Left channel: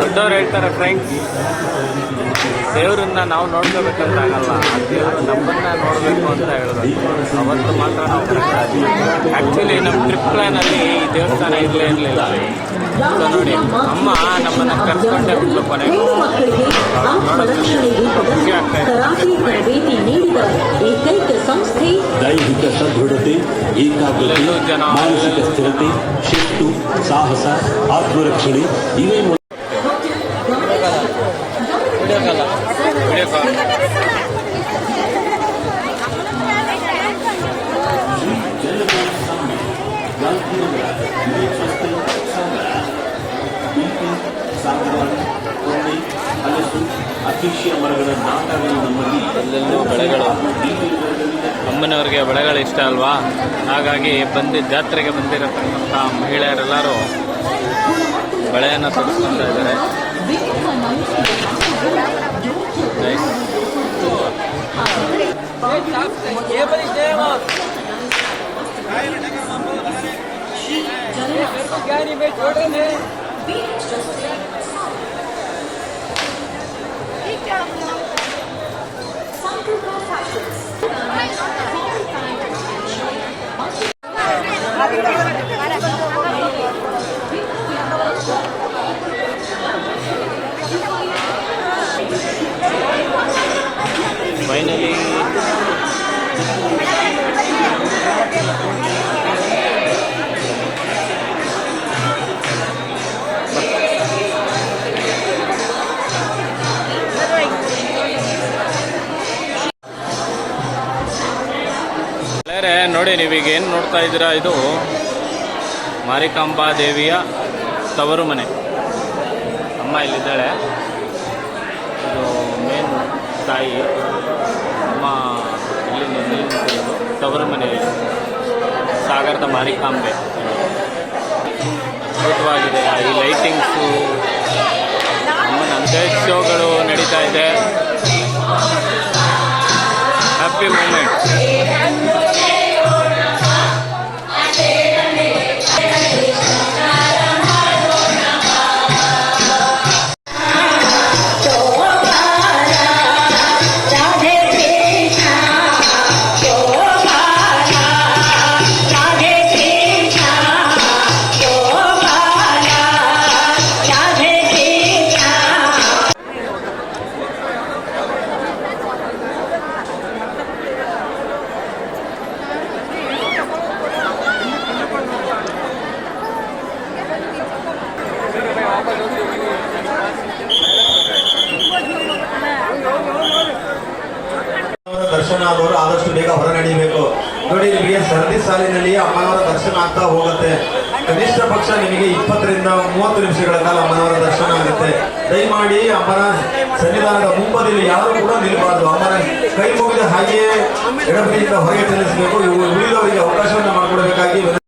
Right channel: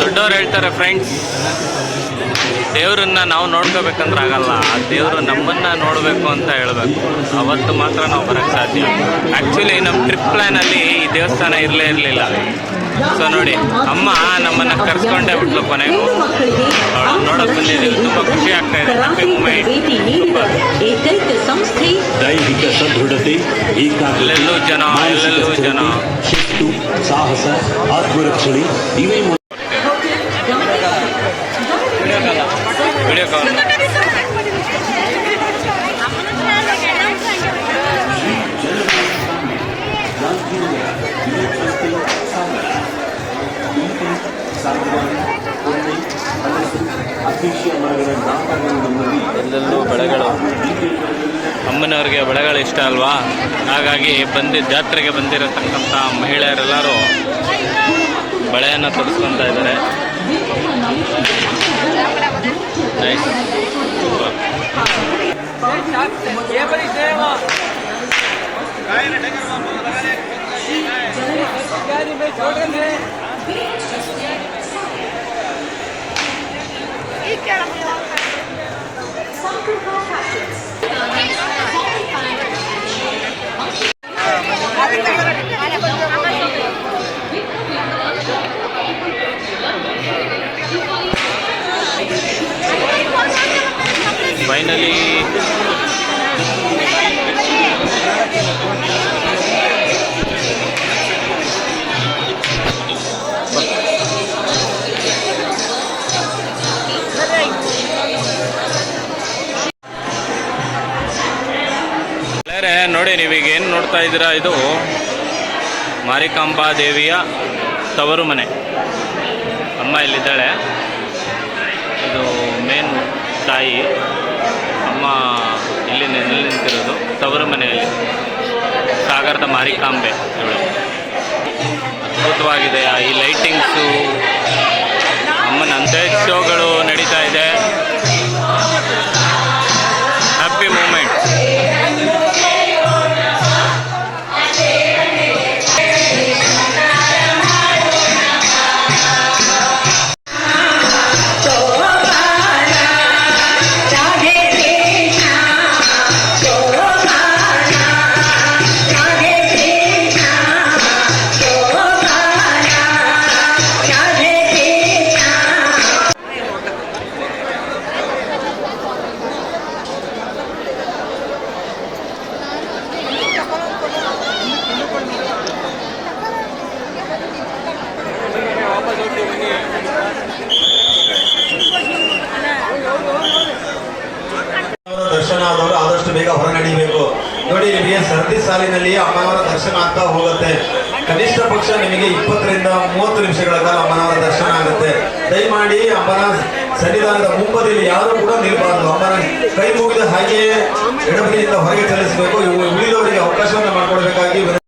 ದೊಡ್ಡವ್ರು ಹೇಳ್ತಾರೆ ಫ್ರೆಂಡ್ಸ್, ದೇವ್ರನ್ನ ನಾವು ನೋಡ್ಕೋಬೇಕಂದ್ರೆ ಆಗಲ್ಲ, ಆ ದೇವರು ನಮ್ಮನ್ನ ನೋಡಬೇಕು ಅಂತ ಹೇಳಬೇಕು, ಅವತ್ತು ಮಾತ್ರ ನಾವು ಬರೋಕ್ಕೆ ಸಾಧ್ಯ. ಆ್ಯಕ್ಚುಲಿ ನಮ್ಮ ಟ್ರಿಪ್ ಪ್ಲ್ಯಾನಲ್ಲಿ ಈ ದೇವಸ್ಥಾನ ಇರಲಿಲ್ಲ. ಸೊ ನೋಡಿ, ಅಮ್ಮ ನಮ್ಮನ್ನು ಕರ್ಸ್ಕೊಂಡೇ ಬಿಟ್ಲು ಕೊನೆಗೂ. ಅವಳು ನೋಡೋಕೆ ಬಂದಿದ್ದೀವಿ, ತುಂಬ ಖುಷಿ ಆಗ್ತಾ ಇದೆ. ಎಲ್ಲೆಲ್ಲೂ ಜನ, ಶಿಸ್ತು, ಸಾಹಸ, ಆತ್ಮರಕ್ಷಣೆ ಇವೇ ವಿಡಿಯೋ ಕಾಲ್. ಎಲ್ಲೆಲ್ಲೂ ಬೆಳೆಗಳು, ಅಮ್ಮನವ್ರಿಗೆ ಬೆಳೆಗಳು ಇಷ್ಟ ಅಲ್ವಾ, ಹಾಗಾಗಿ ಜಾತ್ರೆಗೆ ಬಂದಿರತಕ್ಕಂಥ ಮಹಿಳೆಯರೆಲ್ಲರೂ ಬೆಳೆಯನ್ನು ತೊಡಸ್ಕೊತಾ ಇದ್ದಾರೆ. Nice, super. ಫೈನಲಿ ನೋಡಿ, ನೀವೀಗ ಏನು ನೋಡ್ತಾ ಇದ್ದೀರಾ, ಇದು ಮಾರಿಕಾಂಬಾ ದೇವಿಯ ತವರು ಮನೆ. ಅಮ್ಮ ಇಲ್ಲಿದ್ದಾಳೆ, ಇದು ಮೇನ್ ತಾಯಿ. ಅಮ್ಮ ಇಲ್ಲಿ ನಿಂತಿರೋದು ತವರು ಮನೆಯಲ್ಲಿ, ಸಾಗರದ ಮಾರಿಕಾಂಬೆ ಇವಳು. ಅದ್ಭುತವಾಗಿದೆ ಈ ಲೈಟಿಂಗ್ಸು. ಅಮ್ಮನ ಅಂತ್ಯ ಶೋಗಳು ನಡೀತಾ ಇದೆ. Happy moment. ದರ್ಶನ ಆದವರು ಆದಷ್ಟು ಬೇಗ ಹೊರ ನಡೀಬೇಕು. ನೋಡಿ, ನಿಮಗೆ ಸರದಿ ಸಾಲಿನಲ್ಲಿ ಅಮ್ಮನವರ ದರ್ಶನ ಆಗ್ತಾ ಹೋಗುತ್ತೆ. ಕನಿಷ್ಠ ಪಕ್ಷ ನಿಮಗೆ 20 ರಿಂದ 30 ನಿಮಿಷಗಳ ಕಾಲ ಅಮ್ಮನವರ ದರ್ಶನ ಆಗುತ್ತೆ. ದಯಮಾಡಿ ಅಮ್ಮನ ಸನ್ನಿಧಾನದ ಮುಂಬದಿಯಲ್ಲಿ ಯಾರು ಕೂಡ ನಿಲ್ಲಬಾರದು. ಅಮ್ಮನ ಕೈ ಮುಗಿದ ಹಾಗೆಯೇ ಎಡಬದಿಯಿಂದ ಹೊರಗೆ ಚಲಿಸಬೇಕು. ಉಳಿದವರಿಗೆ ಅವಕಾಶವನ್ನು ಮಾಡಿಕೊಡಬೇಕಾಗಿ